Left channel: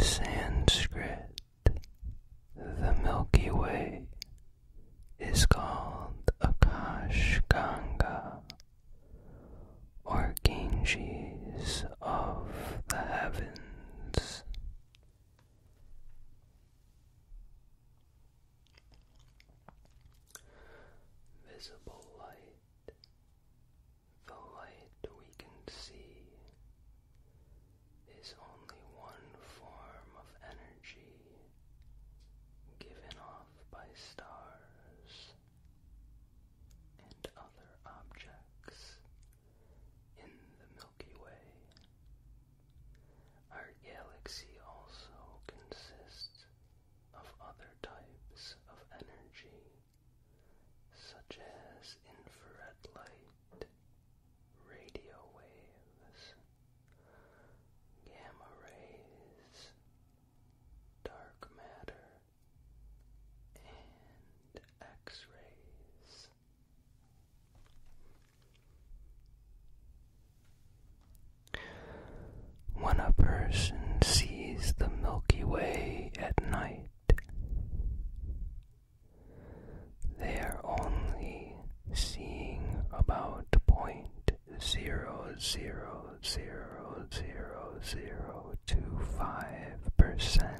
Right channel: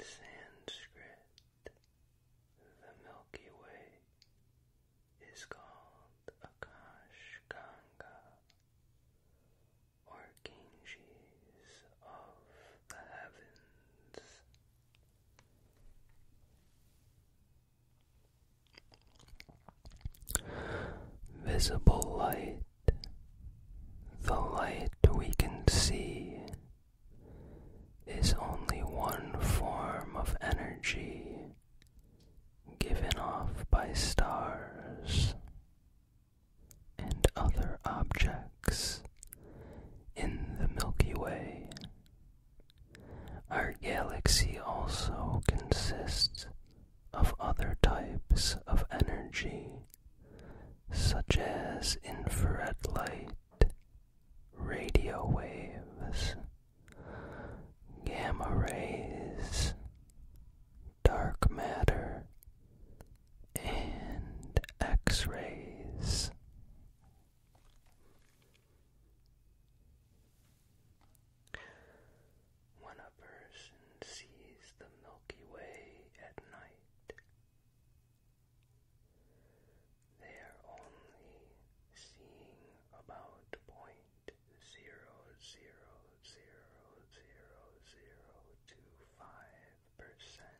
Sanskrit, the Milky Way is called Akash Ganga, or Ganges of the heavens. Visible light, the light we can see, is only one form of energy given off by stars and other objects in the Milky Way. Our galaxy also consists of other types of energy, such as infrared light, radio waves, gamma rays, dark matter, and X-rays. When a person sees the Milky Way at night, they are only seeing about 0.00000025%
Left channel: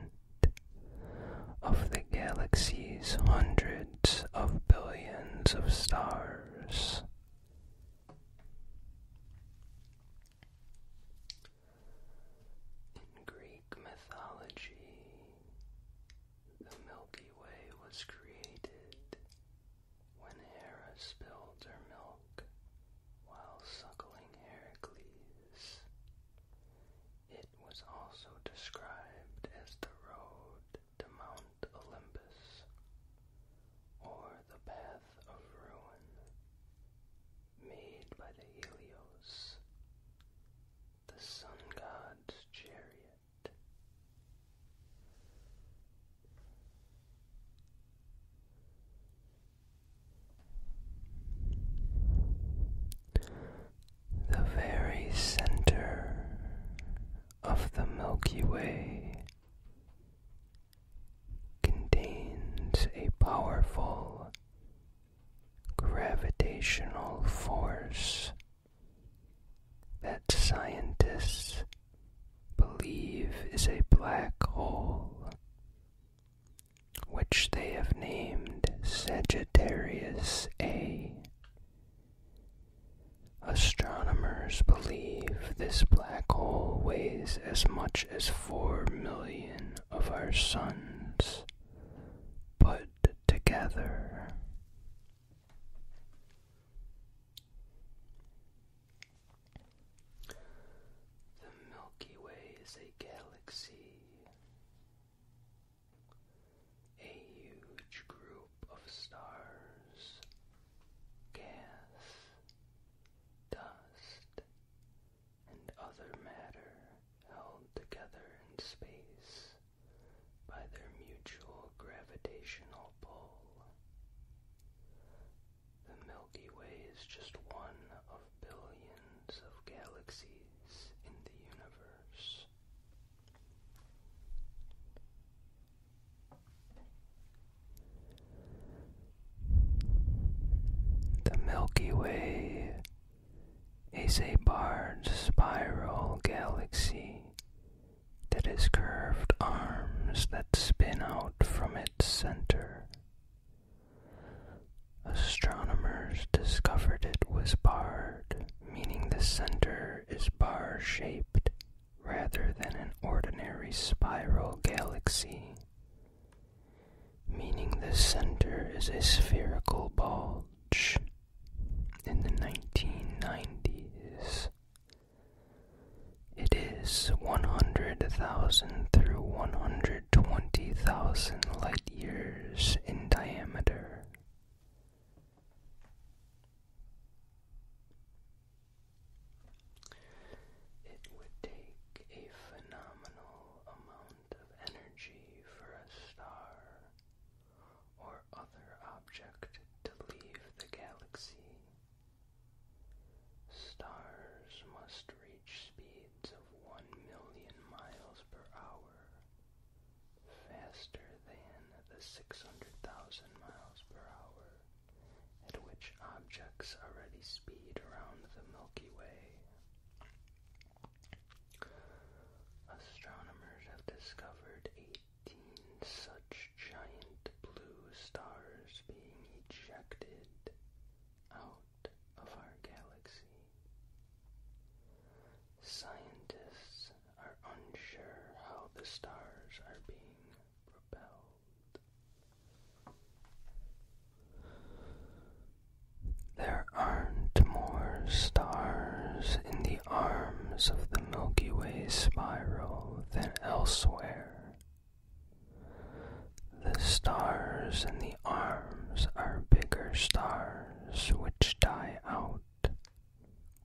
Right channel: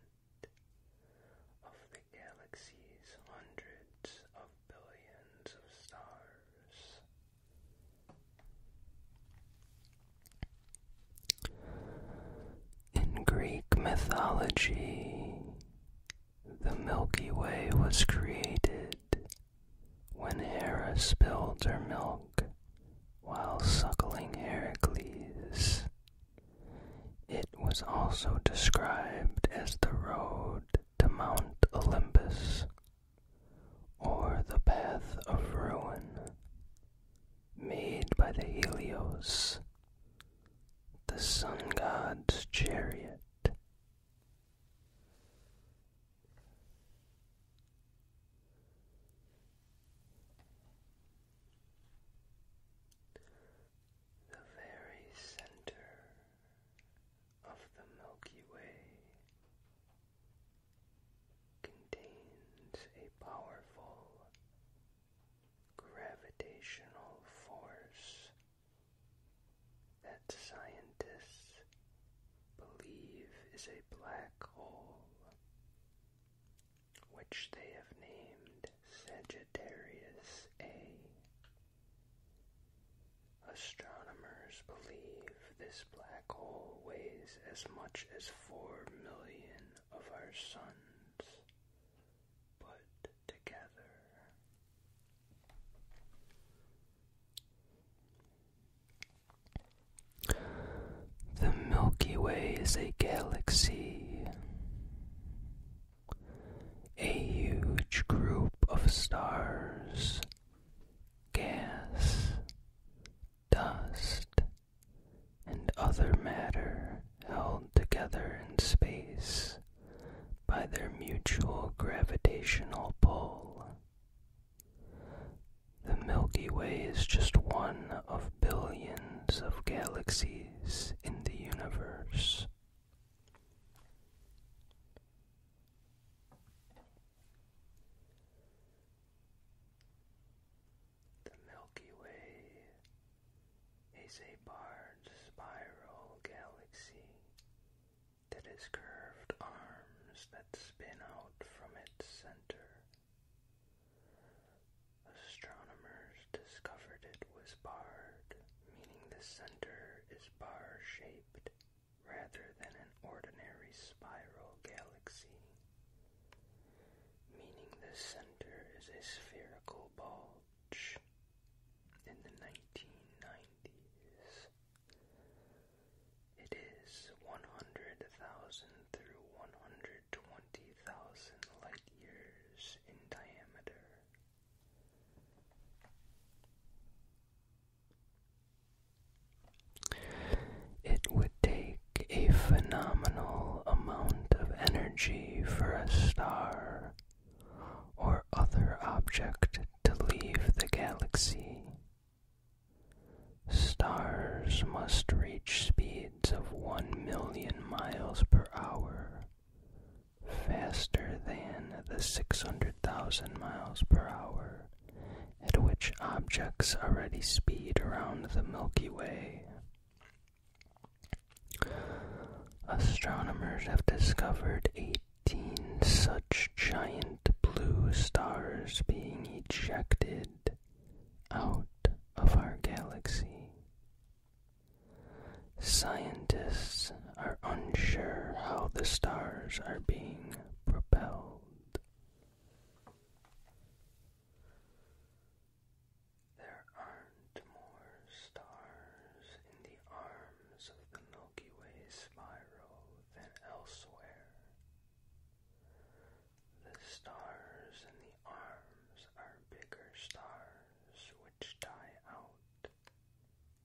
of the galaxy's hundreds of billions of stars. In Greek mythology, the Milky Way was created when Hera spilled her milk while suckling Heracles. It was also described as the road to Mount Olympus, or the path of ruin, made by the Helios, the sun god's chariot. The very center of the Milky Way contains a powerful gravitational force that scientists believe is a black hole, which they have named Sagittarius A. Astronomers believe this black hole weighs as much as 4 million of our suns put together. The Milky Way is a galaxy, a huge group of stars, gas, dust, and other matter held together in space by their mutual gravitational pull. The Milky Way is just one of billions of galaxies in the universe. The Milky Way is a barred spiral galaxy that has curved arms that spin out from its center. Astronomers discovered it was barred, meaning the center is bar-shaped rather than an ordinary spiral galaxy, meaning the center is a spherical bulge. In the 1990s, it is 100,000 through 120,000 light years in diameter. It would take a phenomenal amount of energy for a star or other object to leave the galaxy. Stars must reach speeds of 1 million miles per hour objects already speed around the Milky Way. Astronomers have discovered 18 such giant blue stars being ejected out of our galaxy. Scientists are unsure how the stars are being propelled. There aren't more stars in the arms of the Milky Way spiral than elsewhere. The stars in the arms are bigger stars which die out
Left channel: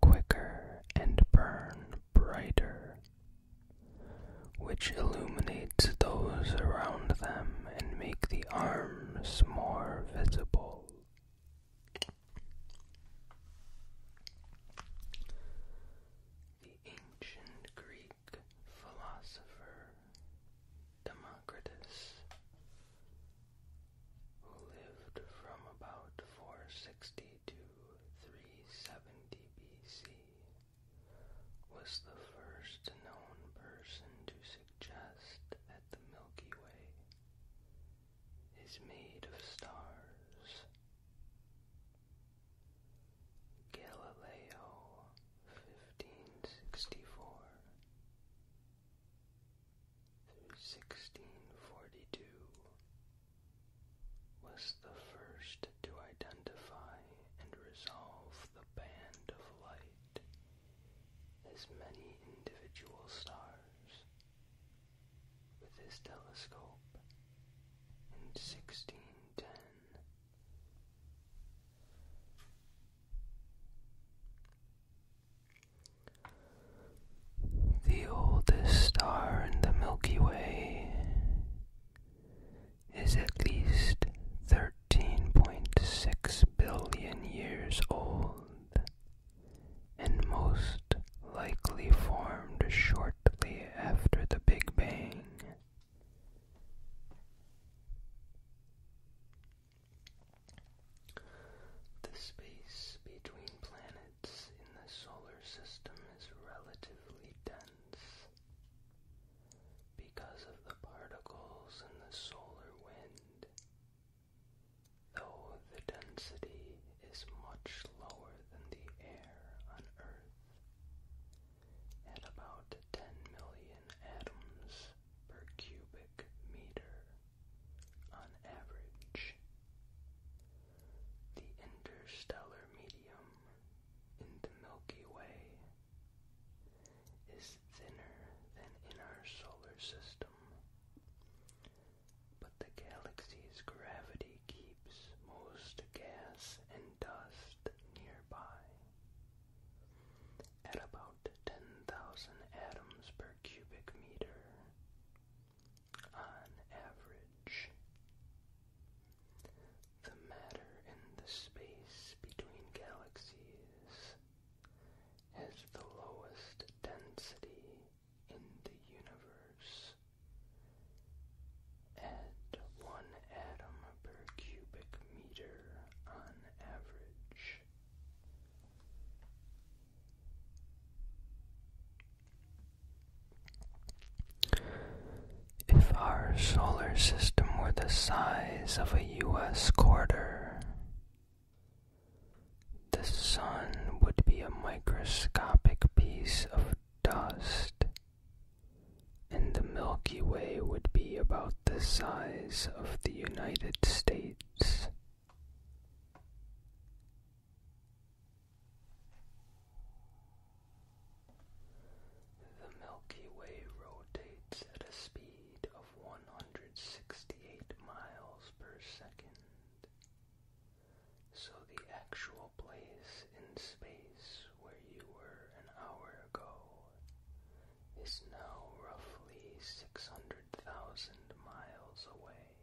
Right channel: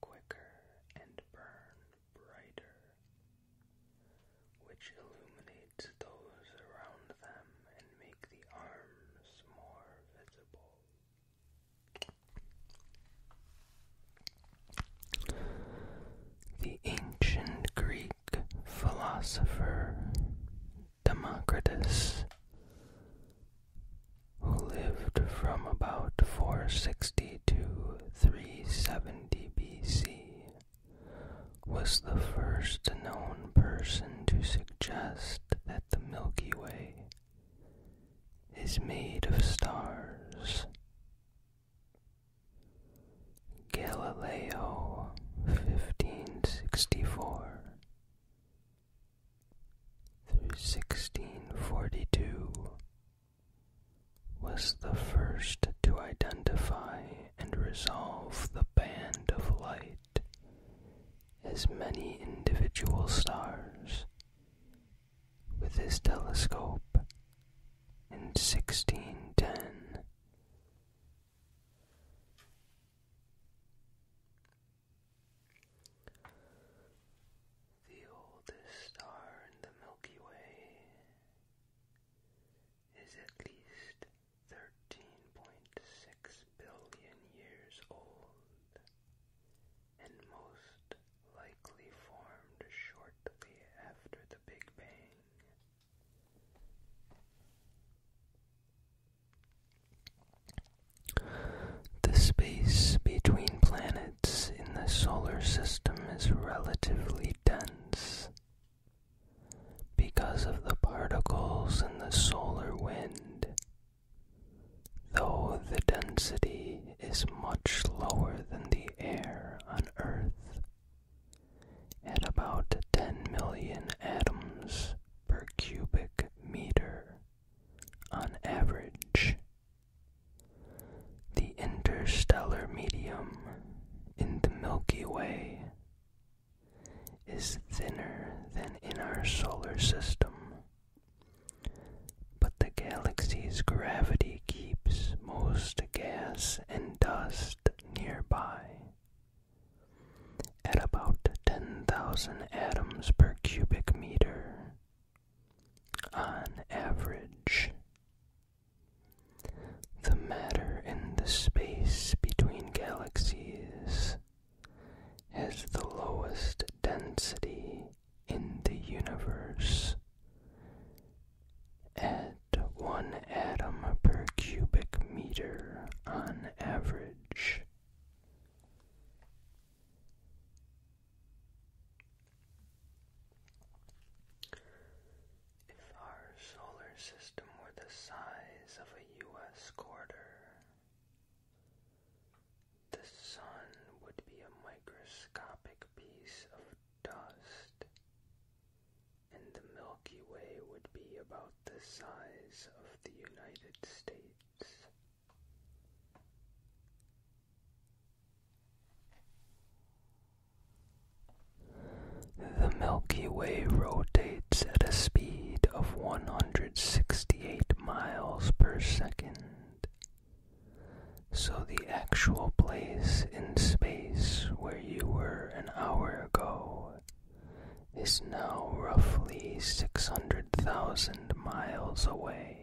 quicker and burn brighter, which illuminates those around them and make the arms more visible. The ancient Greek philosopher Democritus, who lived from about 460 to 370 BC, was the first known person to suggest that the Milky Way is made of stars. Galileo, 1564 through 1642, was the first to identify and resolve the band of light as many individual stars with his telescope in 1610. The oldest star in the Milky Way is at least 13.6 billion years old, and most likely formed shortly after the Big Bang. The space between planets in the solar system is relatively dense because of the particles in the solar wind, though the density is much lower than the air on Earth, at about 10 million atoms per cubic meter on average. The interstellar medium in the Milky Way is thinner than in our solar system, but the galaxy's gravity keeps most gas and dust nearby at about 10,000 atoms per cubic meter on average. The matter in the space between galaxies has the lowest density in the universe at 1 atom per cubic meter on average. If our solar system were the size of a U.S. quarter, the sun would be a microscopic piece of dust, and the Milky Way would be about the size of the United States. The Milky Way rotates at a speed of 168 miles per second, so the actual place in space where you were an hour ago is now roughly 600,000 miles away.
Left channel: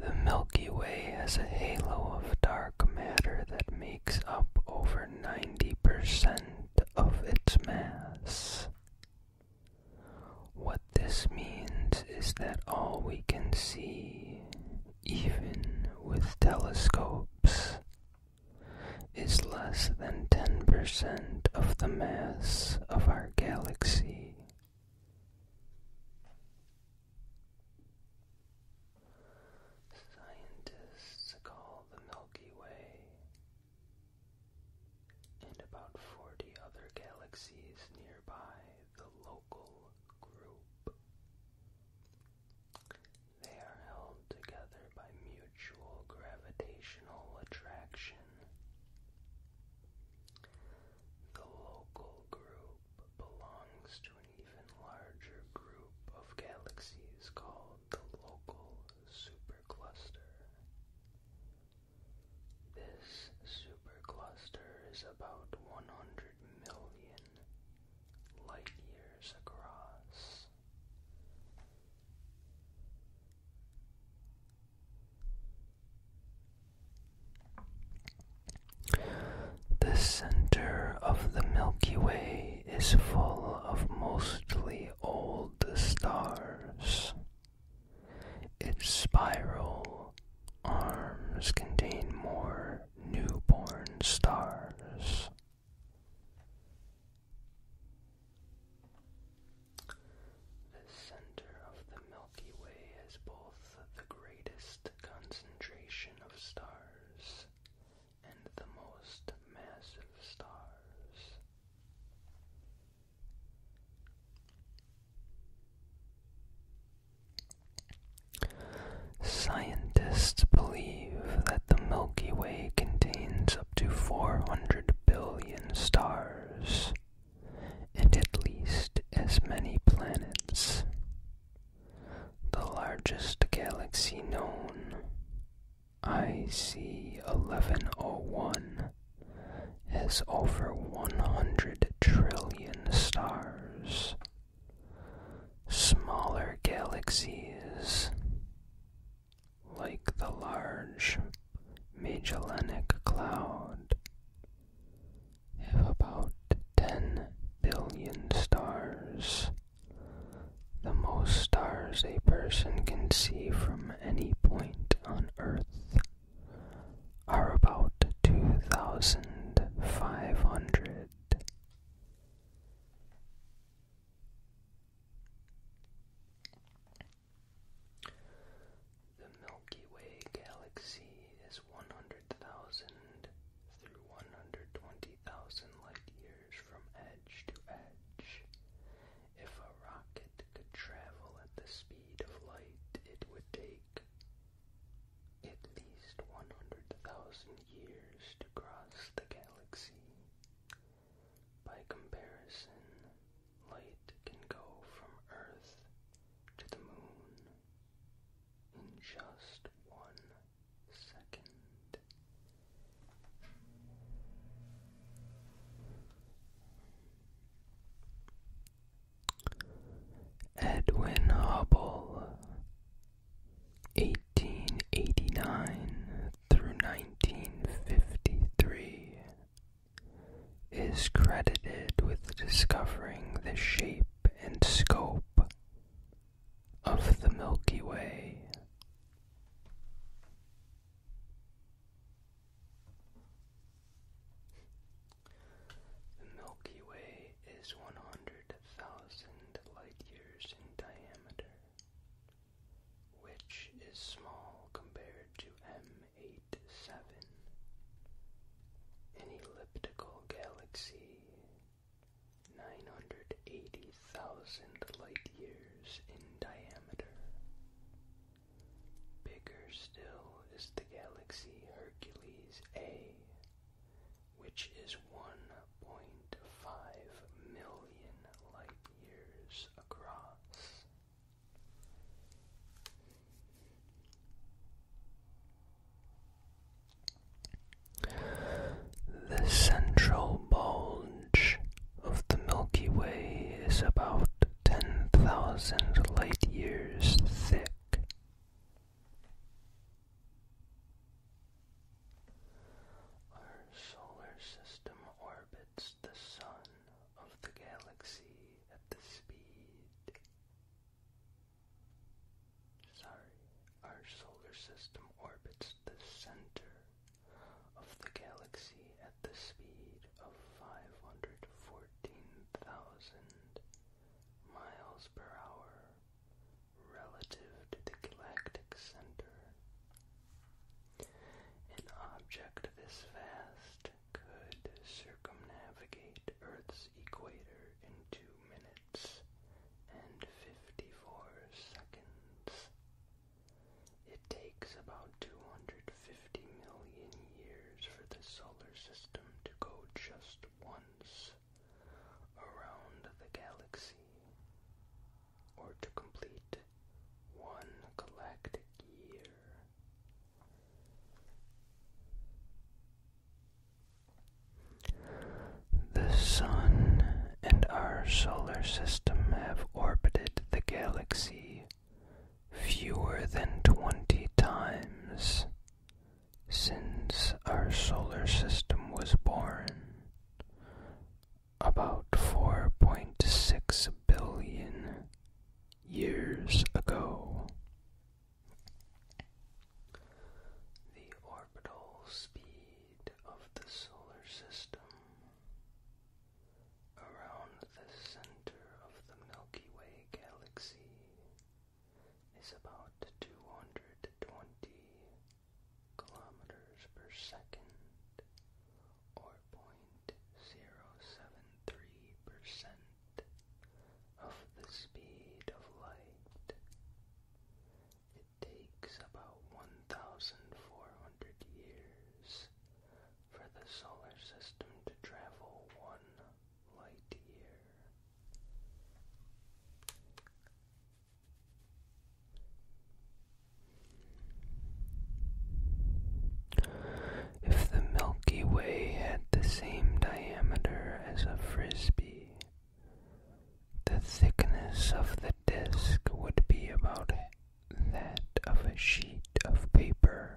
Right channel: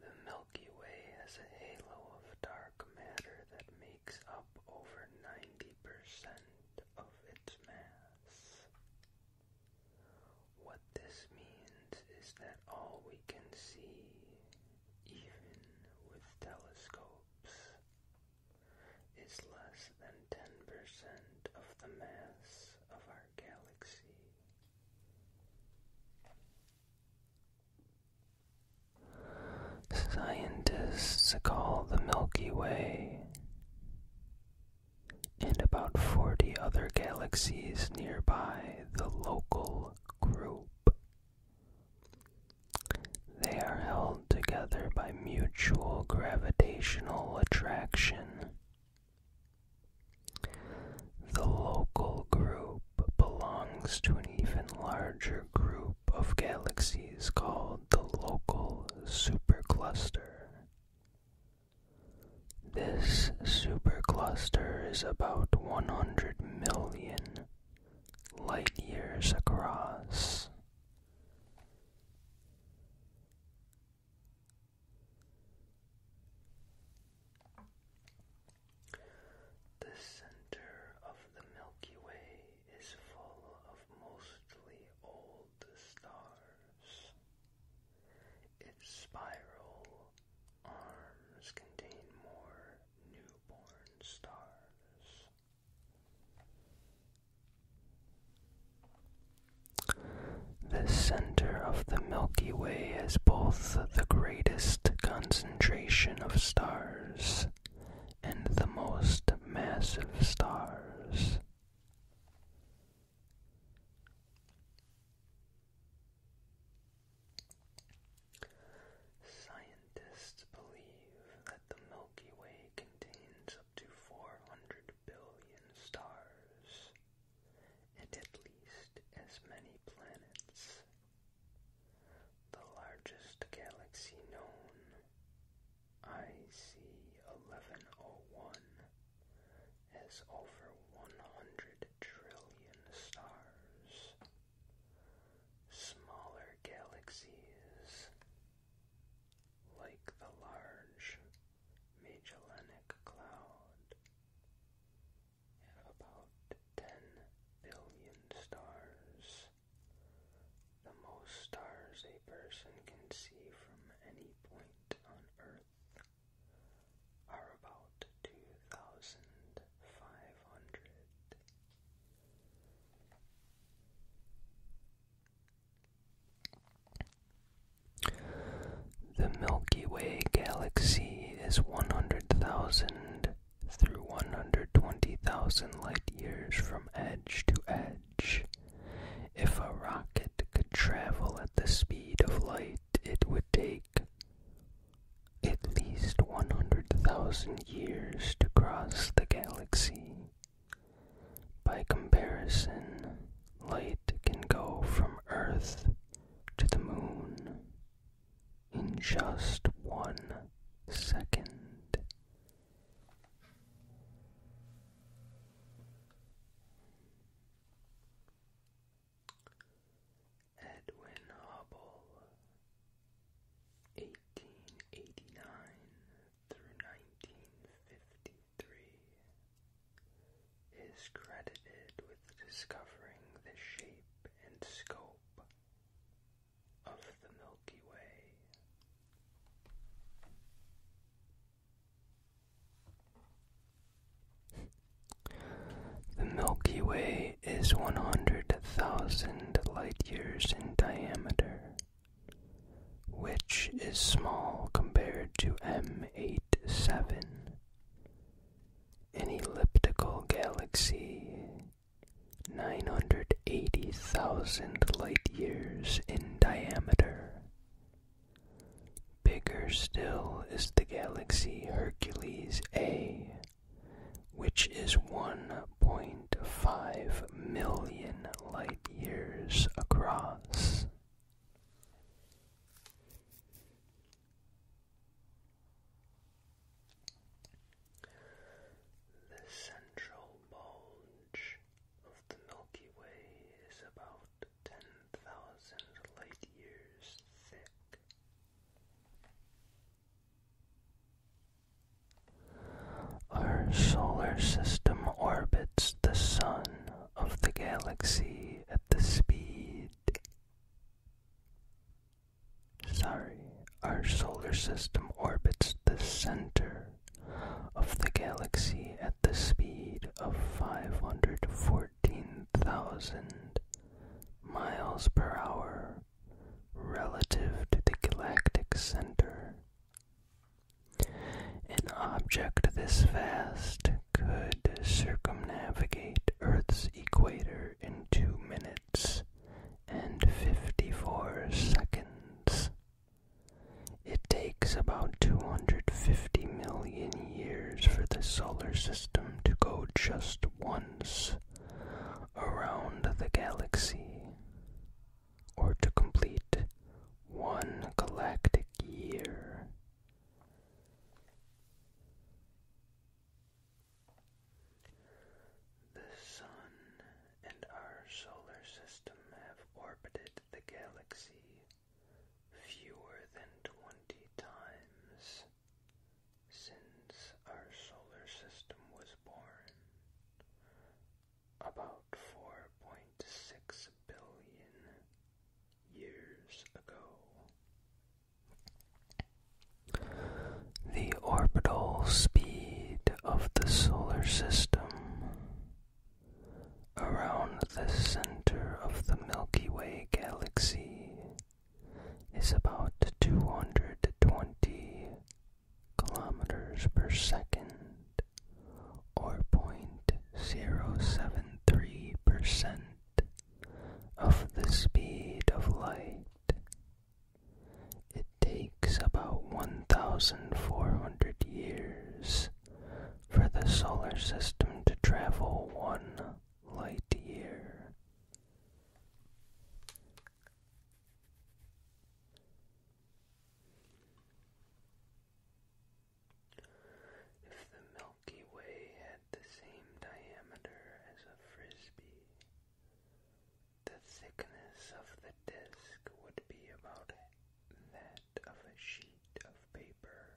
The Milky Way has a halo of dark matter that makes up over 90% of its mass. What this means is that all we can see, even with telescopes, is less than 10% of the mass of our galaxy. Scientists call the Milky Way and about 40 other galaxies nearby the local group. They are held together by mutual gravitational attraction. The local group belongs to an even larger group of galaxies called the local supercluster. This supercluster is about 100 million light years across. The center of the Milky Way is full of mostly old stars. Its spiral arms contain more newborn stars. The center of the Milky Way has both the greatest concentration of stars and the most massive stars. Scientists believe that the Milky Way contains up to 400 billion stars and at least as many planets. The largest galaxy known, IC 1101, has over 100 trillion stars. Smaller galaxies, like the Large Magellanic Cloud, have about 10 billion stars. The most stars a person can see from any point on Earth are about 2,500. The Milky Way galaxy is 100,000 through 120,000 light years from edge to edge. If a rocket could travel at the speed of light, it would take at least 100,000 years to cross the galaxy. By comparison, light can go from Earth to the moon in just 1 second. Edwin Hubble, 1889 through 1953, is credited with discovering the shape and scope of the Milky Way. The Milky Way is 100,000 light years in diameter, which is small compared to M87, an elliptical galaxy 980,000 light years in diameter. Bigger still is the galaxy Hercules A, which is 1.5 million light years across. The central bulge of the Milky Way is about 10,000 light years thick. Our solar system orbits the sun of the galaxy at the speed our solar system orbits the center of the galaxy at the speed of 514,000 miles per hour relative to the galactic center. An object this vast could circumnavigate Earth's equator in 2 minutes and 54 seconds. It takes about 250 million years for the solar system to go just once around the galaxy, or to complete one galactic year. The Sun and our solar system have orbited the galaxy fewer than 20 times since our solar system was born, about 4.6 billion years ago. The orbital speed of the solar system around the center of the Milky Way galaxy is about 220 kilometers per second, or 0.073% of the speed of light. It takes about 1,400 years for the solar system to travel 1 light year. If the Milky Way had the same diameter as a frisbee, the thickness of the disk would be about that of a sheet of paper.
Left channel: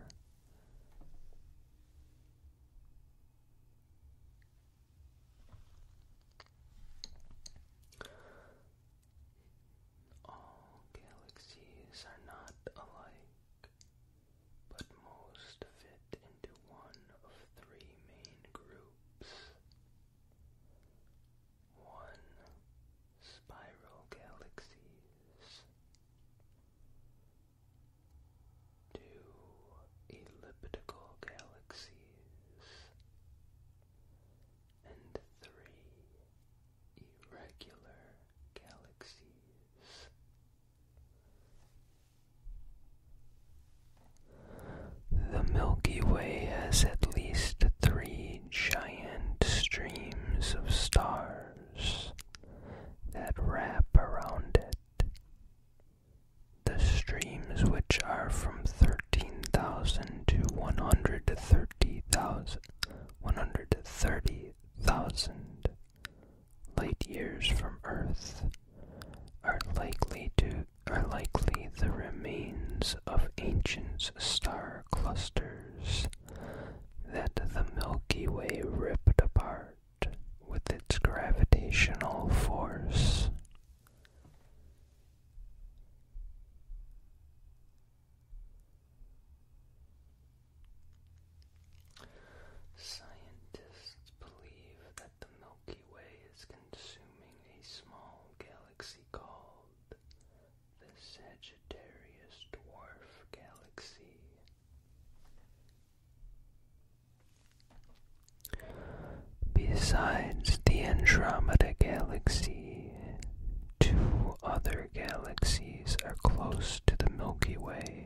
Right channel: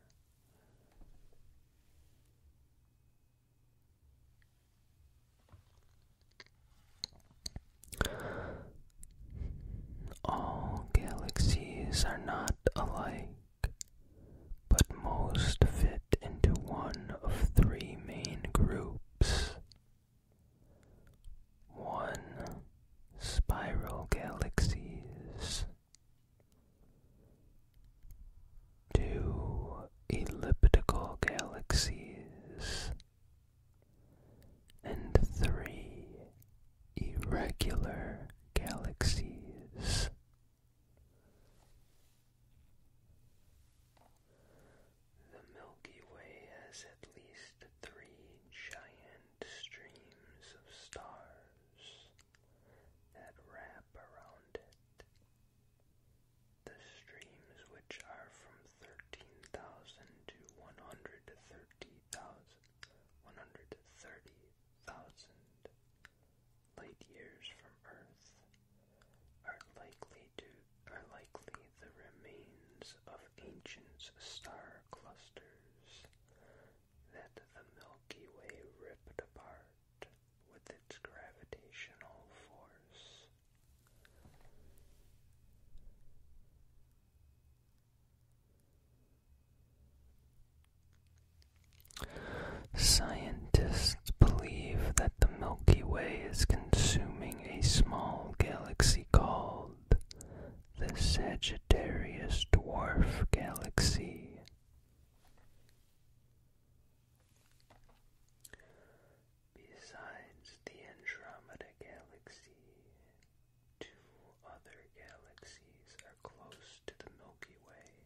All galaxies are not alike, but most fit into one of 3 main groups. 1. Spiral galaxies. 2. Elliptical galaxies. And 3. Irregular galaxies. The Milky Way has at least 3 giant streams of stars that wrap around it. The streams, which are from 13,000 to 130,000 light years from Earth, are likely the remains of ancient star clusters that the Milky Way ripped apart with its gravitational force. Scientists believe that the Milky Way is consuming a small galaxy called the Sagittarius Dwarf Galaxy. Besides the Andromeda Galaxy, 2 other galaxies are close to the Milky Way:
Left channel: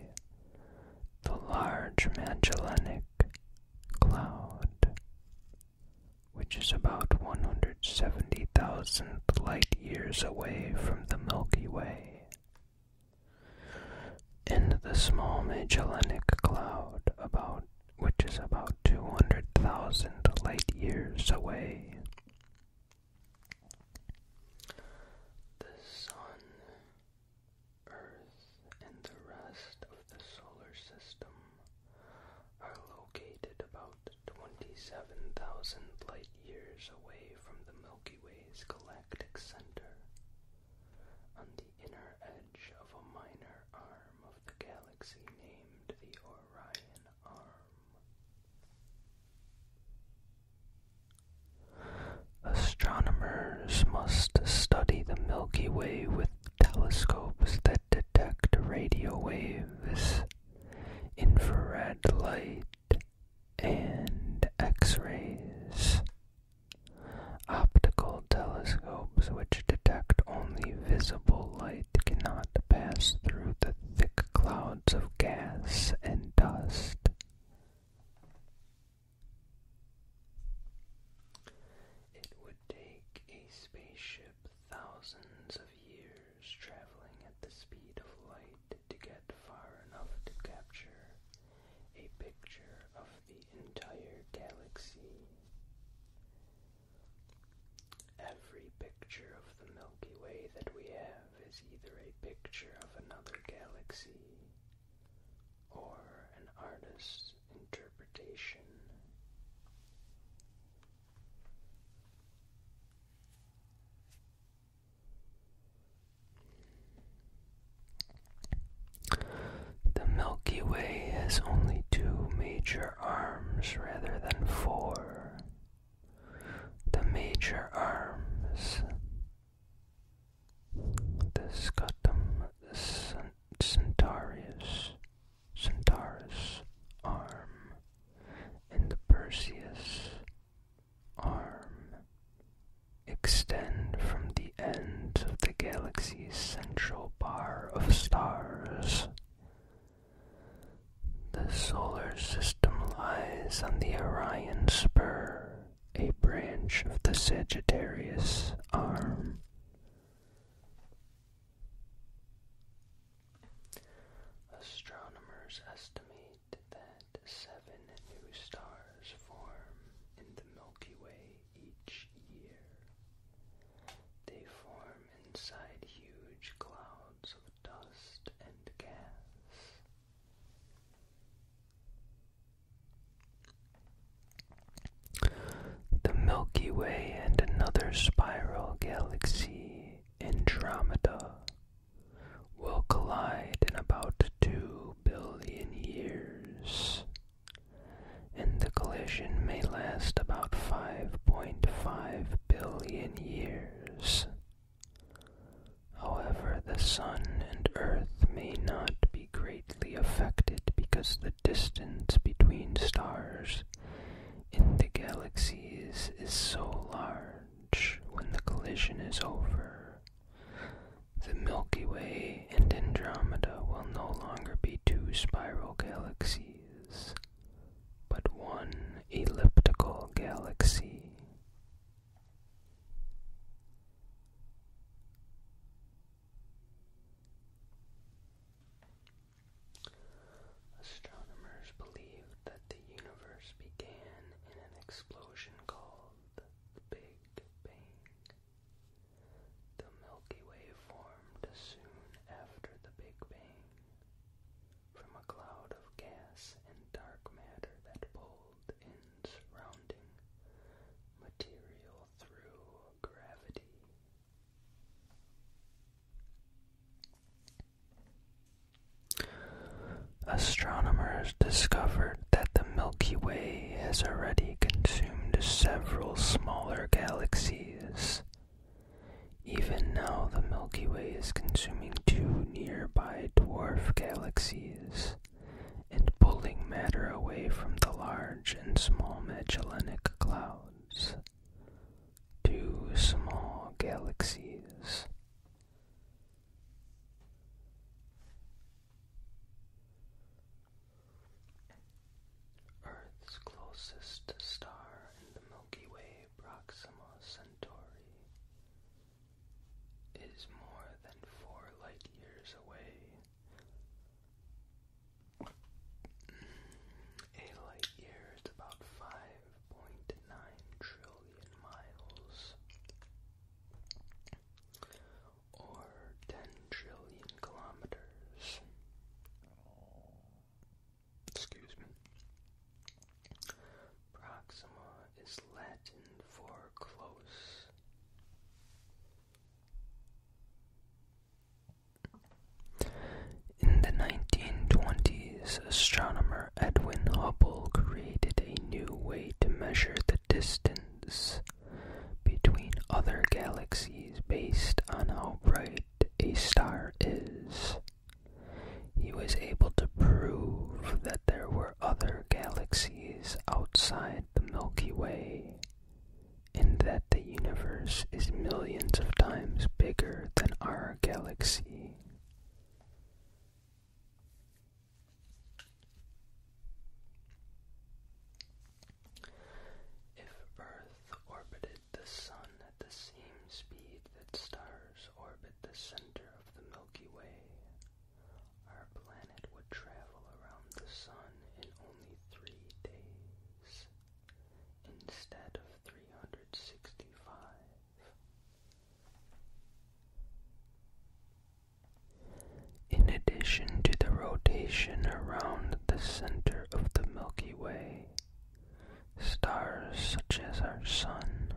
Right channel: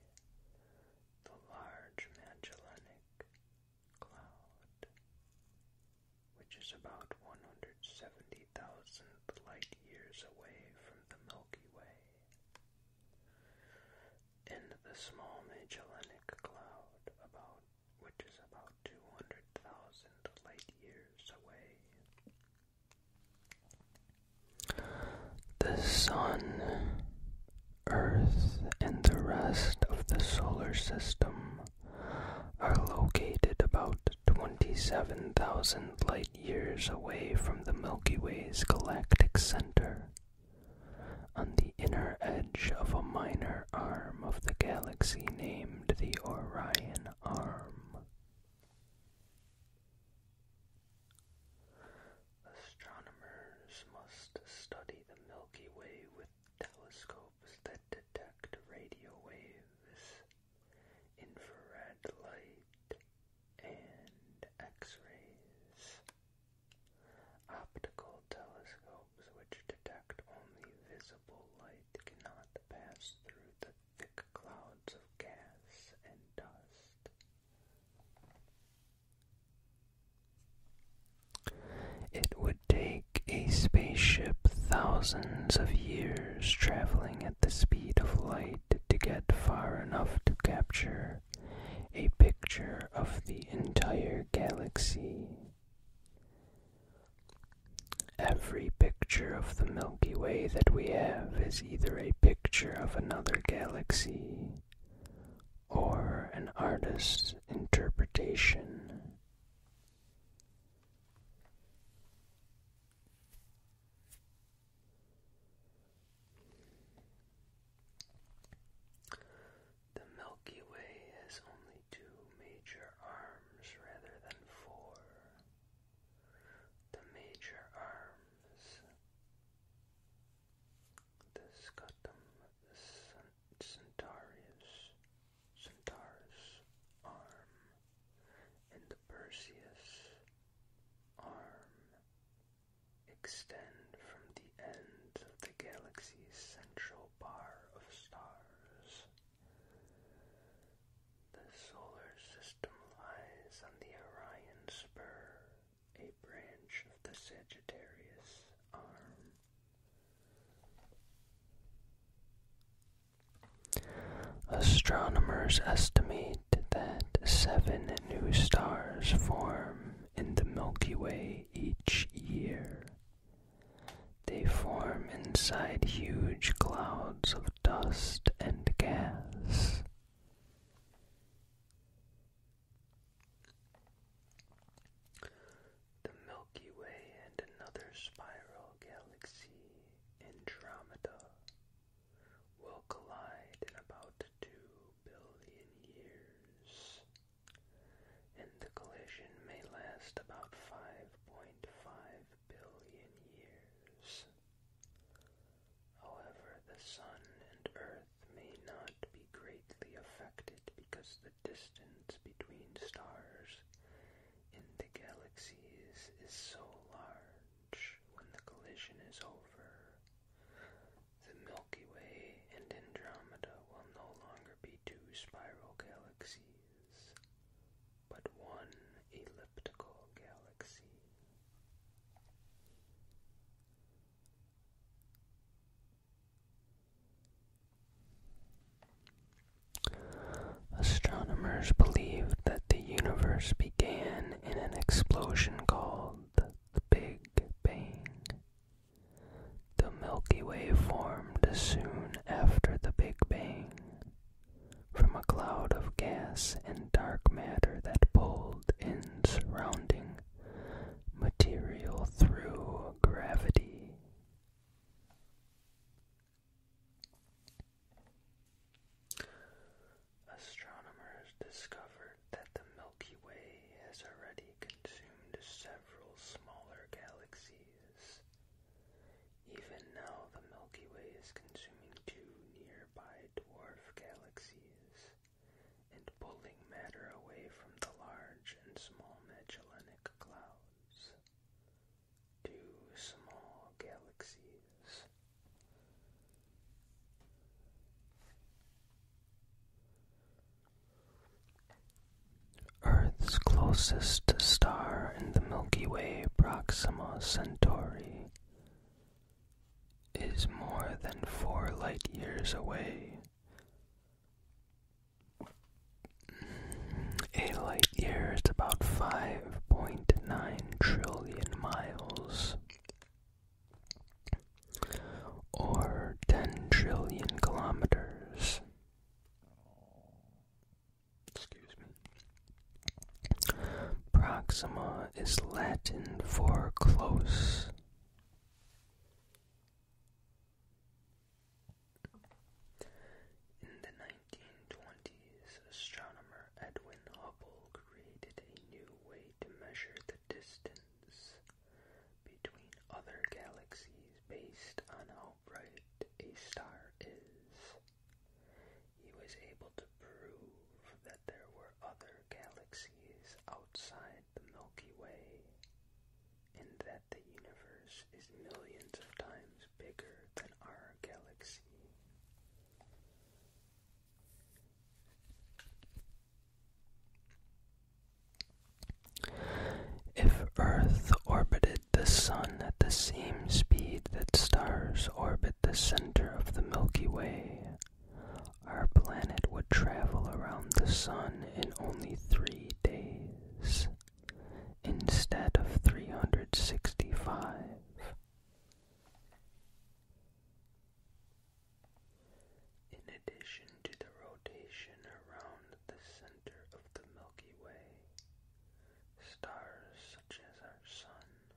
the Large Magellanic Cloud, which is about 170,000 light years away from the Milky Way, and the Small Magellanic Cloud, which is about 200,000 light years away. The Sun, Earth, and the rest of the solar system are located about 27,000 light years away from the Milky Way's galactic center, on the inner edge of a minor arm of the thousands of years traveling at the speed of light to get far enough to capture a picture of the entire galaxy. Every picture of the Milky Way that we have is either a picture of another galaxy or an artist's interpretation. The Milky Way has only two major arms rather than four. The major arms, the Scutum Centaurus arm, and the Perseus arm, extend from the ends of the galaxy's central bar of stars. The solar system lies on the Orion spur, a branch of the Sagittarius arm. Astronomers estimate that 7 new stars form in the Milky Way each year. They form inside huge clouds of dust and gas. The Milky Way and another spiral galaxy, Andromeda, will collide in about 2 billion years, and the collision may last about 5.5 billion years. However, the Sun and Earth may not be greatly affected because the distance between stars in the galaxies is so large. When the collision is over, the Milky Way and Andromeda will no longer be 2 spiral galaxies, but one elliptical galaxy. Astronomers believed that the universe began in an explosion called the Big Bang. The Milky Way formed soon after the Big Bang, from a cloud of gas and dark matter that pulled in surrounding material through gravity. Astronomers discovered that the Milky Way has already consumed several smaller galaxies. Even now, the Milky Way is consuming 2 nearby dwarf galaxies and pulling matter away from the large and small Magellanic Clouds. 2 small galaxies. Earth's closest star in the Milky Way, Proxima Centauri, is more than 4 light years away. A light year is about 5.9 trillion miles, or 10 trillion kilometers. Proxima is Latin for close. In the 1920s, astronomer Edwin Hubble created a new way to measure the distance between other galaxies based on how bright a star is. He was able to prove that there were other galaxies outside the Milky Way, and that the universe is millions of times bigger than our galaxy. If Earth orbited the Sun at the same speed that stars stars orbit the center of the Milky Way, our planet would travel around the Sun in only 3 days, instead of 365. In addition to the rotation around the center of the Milky Way, stars such as our Sun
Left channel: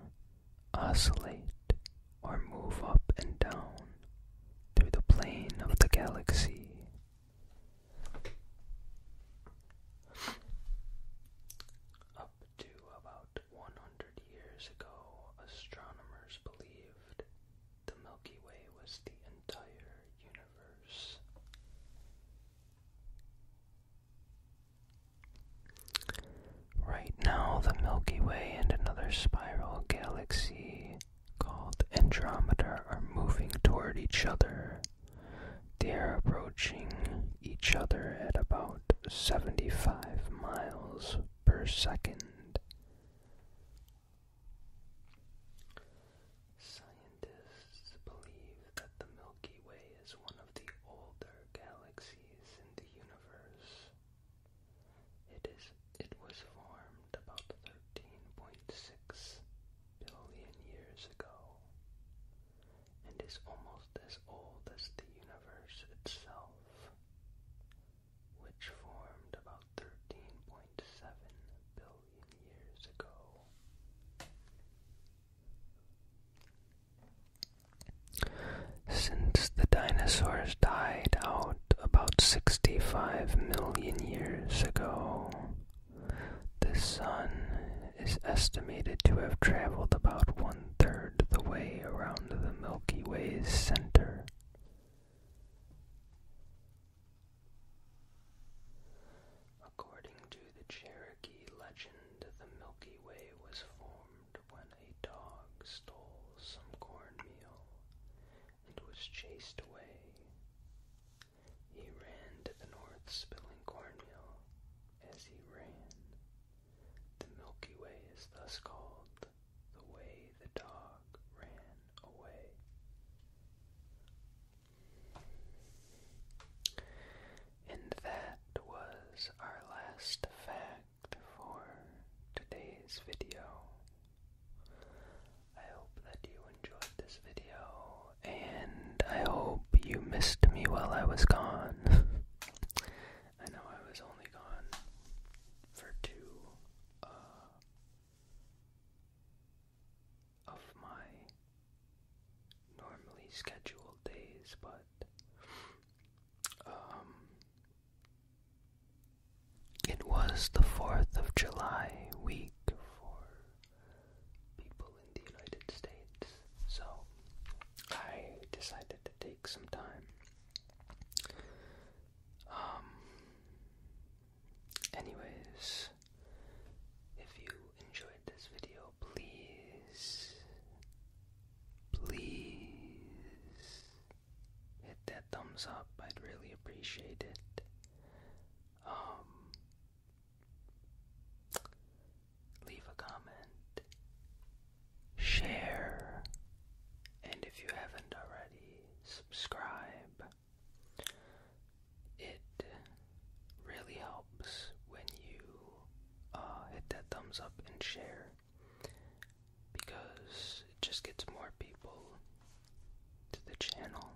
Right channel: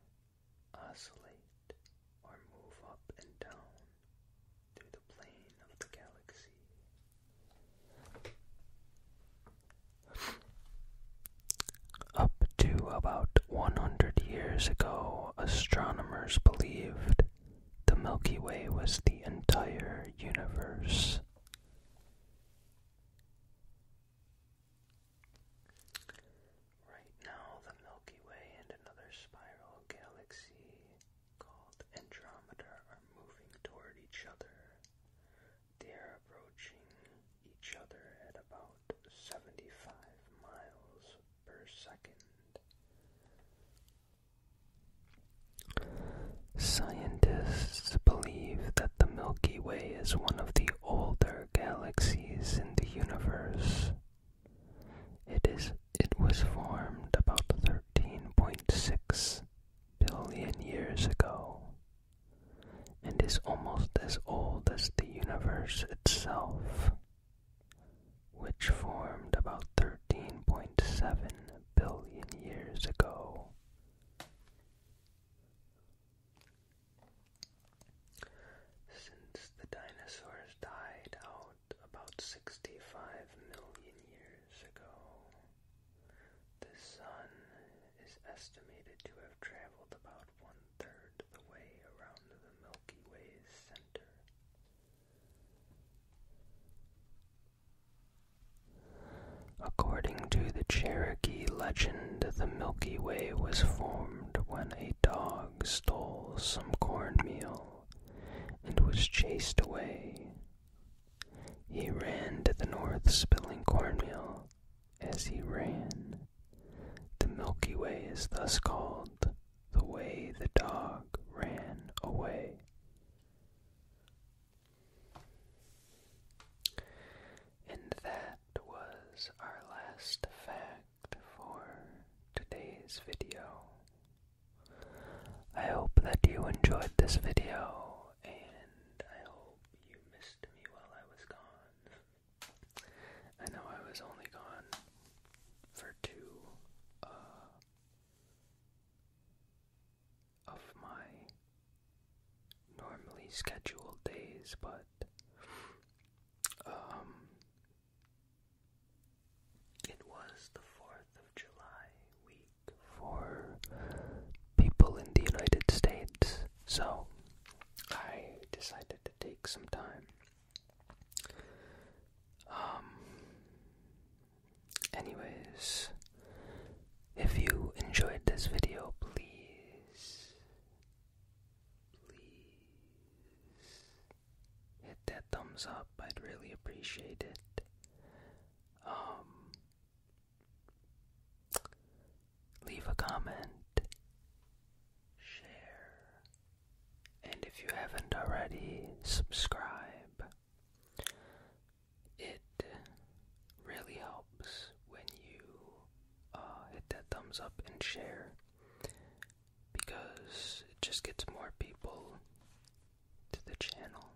oscillate or move up and down through the plane of the galaxy. Up to about 100 years ago, astronomers believed the Milky Way was the entire universe. Right now, the Milky Way and another spiral galaxy called Andromeda are moving toward each other. They are approaching each other at about 75 miles per second. Scientists believe that the Milky Way is one of the older galaxies in the universe. It was formed about 13.6 billion years ago and is almost as old as the universe itself, which formed about 13.7 billion years ago. Since the dinosaurs died out about 65 million years ago, the Sun is estimated to have traveled about 1/3 the way around the Milky Way's center. According to the Cherokee legend, the Milky Way was formed when a dog stole some cornmeal and was chased away. He ran to the north, spilling cornmeal. As he ran, the Milky Way is thus called the way the dog ran away. And that was our last fact for today's video. I hope that you enjoyed this video, and I hope you missed me while I was gone. I know I was only gone for 2 of my normally scheduled days, but it was the 4th of July week for people in the United States, so I decided to take some time. Anyways, if you enjoyed this video, please hit that thumbs up. I'd really appreciate it. Leave a comment, share, and if you haven't already, subscribe. It really helps when you hit that thumbs up and share, because it just gets more people to the channel.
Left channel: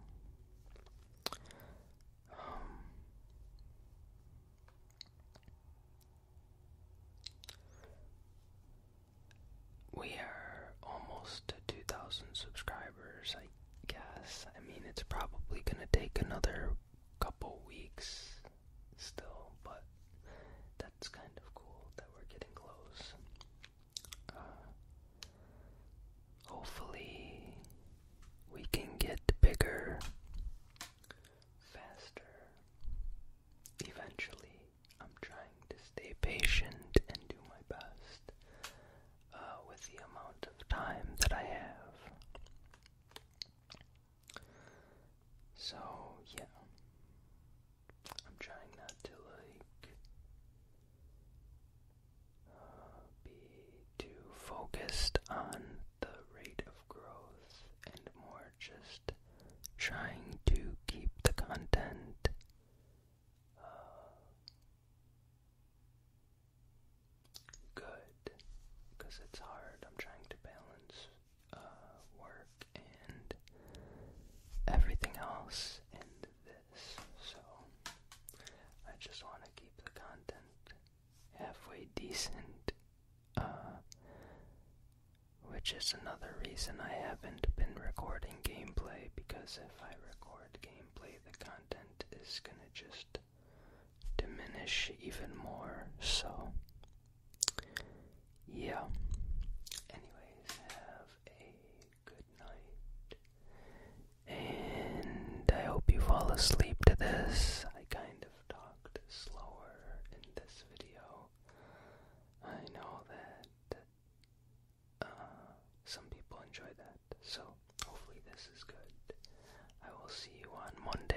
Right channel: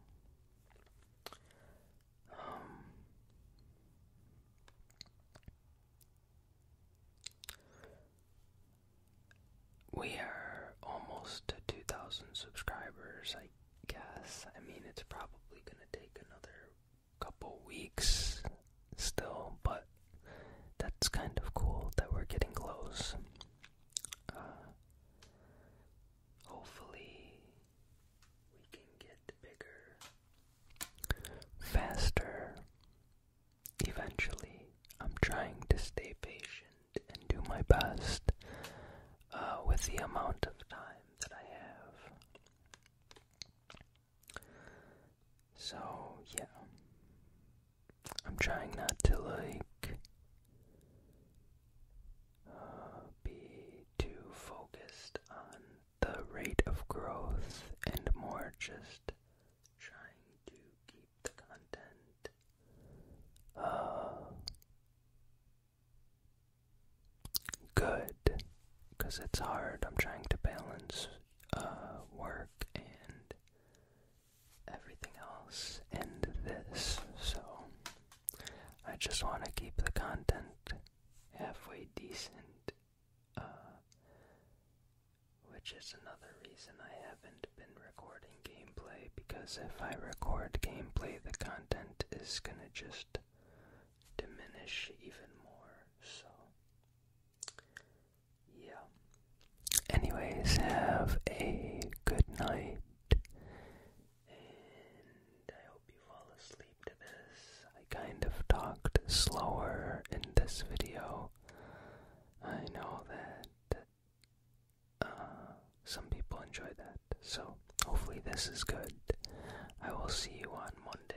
We are almost to 2,000 subscribers, I guess. I mean, it's probably going to take another couple weeks still, but that's kind of cool that we're getting close. Hopefully we can get bigger, faster, eventually. I'm trying to stay patient and do my best with the amount of time that I have. So, yeah. I'm trying not to, be too focused on the rate of growth and more just because it's hard. I'm trying to balance work and everything else and this, so I just want to keep the content halfway decent, which is another reason I haven't been recording gameplay, because if I record gameplay, the content is gonna just diminish even more, so yeah. Anyways, have a good night, and I hope you fall asleep to this. I kind of talked slower in this video. I know that some people enjoy that, so hopefully this is good. I will see you on Monday.